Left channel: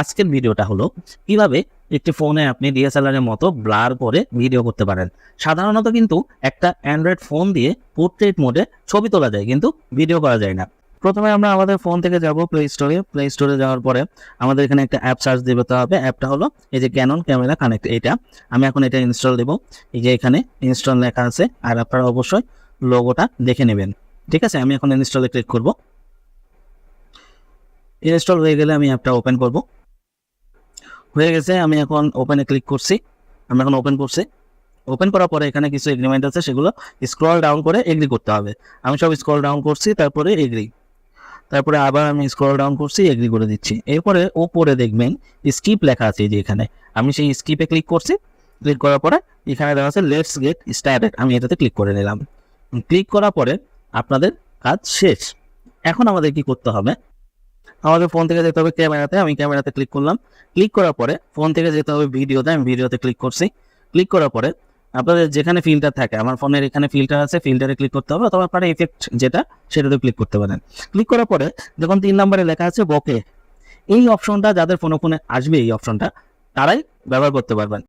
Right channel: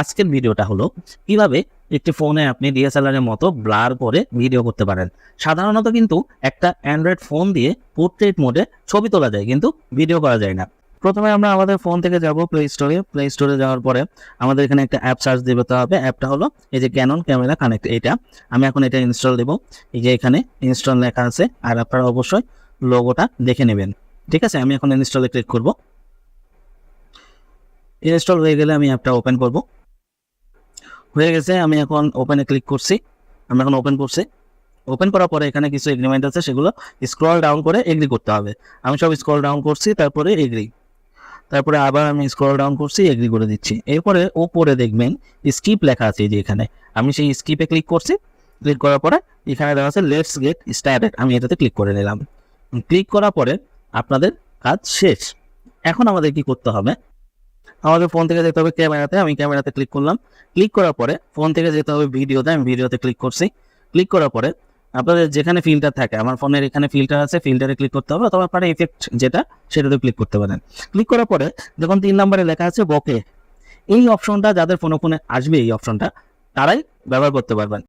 আজকের ভিডিওটা হলো কিভাবে একটি ফোনে আপনি ডিএসএলআর এর মতো ব্লার করে ভিডিও করতে পারেন। সাধারণত কিন্তু একটা অ্যান্ড্রয়েড ফোন দিয়ে পোর্ট্রেট মোডে ছবি তোলা যায়, কিন্তু ভিডিও করা যায় না। প্রথমে আমরা আমাদের ফোন থেকে যাব প্লে স্টোরে যাওয়ার পরে আমাদের এখানে একটা অ্যাপ সার্চ দিতে হবে। অ্যাপটা হলো এই যে ক্যানন ক্যামেরা কানেক্ট, এটা আমি এখন এটা ইনস্টল দেবো। এই যে এখানে ইনস্টল লেখা আছে, আর আপনারা অবশ্যই লোগোটা দেখে নেবেন। ঠিক আছে, আমি এখন ইনস্টলে ক্লিক করব। ইনস্টল হয়ে গেলে আমি অ্যাপটা ওপেন করব। হয়ে গেছে, আমি এখন ওপেনে ক্লিক করছি। আমি এখন ওপেন করছি। ওপেন করার পরে এখানে কিছু এগ্রিমেন্ট আছে, সেগুলো স্ক্রল ডাউন করে এগ্রি করতে হবে। আমি সব স্ক্রল ডাউন করছি, তারপরে এগ্রি। তারপরে আবার আমি স্ক্রল ডাউন করছি, এগ্রি করে দিচ্ছি। এরপরে ওপরে দেখবেন স্কিপ লেখা আছে, এই যে এখানে আমি সেই স্কিপে ক্লিক করছি। ক্লিক করার পরে এখানে দেওয়া আছে লেটস গেট স্টার্টেড, আমি এটাতে ক্লিক করে নিলাম। ক্লিক করার পরে আপনাদের কাজ শেষ। এখন আমাদের কি করতে হবে, আমাদের ফোন থেকে যেতে হবে ক্যামেরাতে। আমি ক্যামেরাতে ক্লিক করলাম। ক্লিক করার পরে ফোন থেকে যেতে হবে ভিডিওতে, আমি ভিডিওতে ক্লিক করছি। ক্লিক করার পরে আপনাদের যেখানে ফিল্টার থাকে, আমার ফোনের এখানে ফিল্টার আছে, ফিল্টারে ক্লিক করতে হবে, অথবা আপনারা ইফেক্ট যেটা সেটাতে ক্লিক করতে পারেন। ক্লিক করার পরে যখন 3 নম্বরে লেখা আছে বকে, এই অপশনটা যাদের ফোনে আসবে, এই অপশনটা তারাই ব্যবহার করতে পারবেন।